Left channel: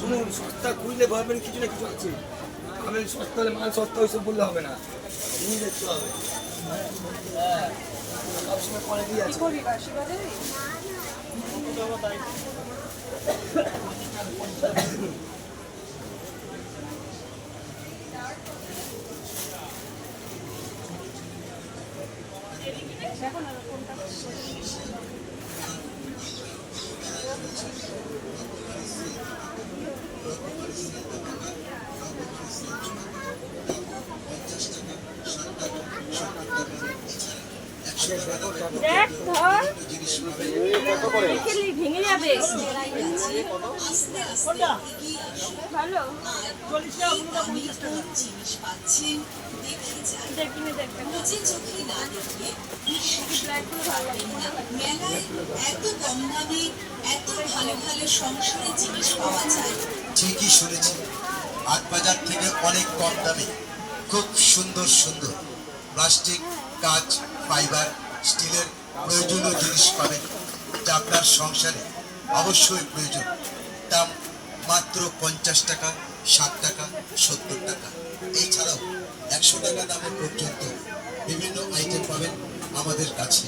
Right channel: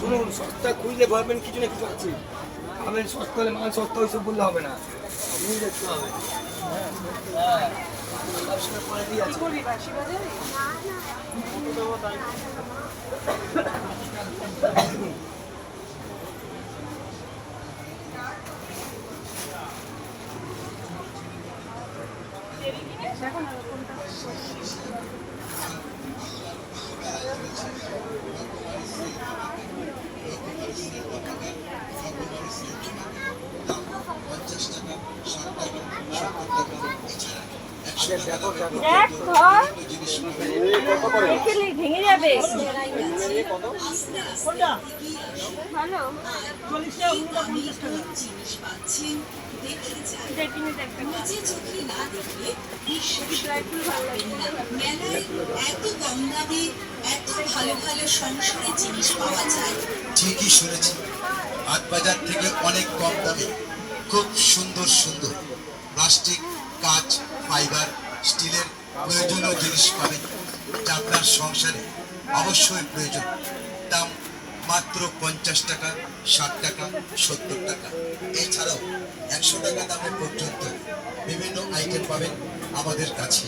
শুনুন, সস্তা খুঁজলে ভাববেন কিছু না কিছু আছে। আমি সস্তা হলে মাল সস্তা ওইসব বললে হবে না, জিনিস দেখতে হবে। দেখ ধর ভেঙে যাবে। ভালো ঠিকই শুনেছি, হাট বাজার থেকে অনেক কম দামে খুব সুন্দর সুন্দর প্লাস্টিক, কাঁচ, ফাইবার, স্টিলের প্রয়োজনীয় জিনিস পাবেন যা আপনার সংসারে অবশ্যই প্রয়োজন। দাম মাত্র 50 টাকা, 60 টাকা, 70 টাকা, এছাড়াও 100 টাকা দামের পর্যন্ত বিভিন্ন আইটেম পাবেন আমাদের কাছে।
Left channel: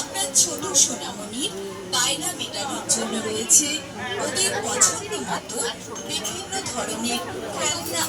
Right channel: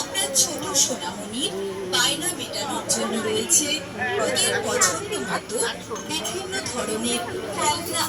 আপনার ছোট সোনামণির বায়না মেটানোর জন্য রয়েছে ওদের পছন্দ মতো বিভিন্ন ধরনের খেলনা।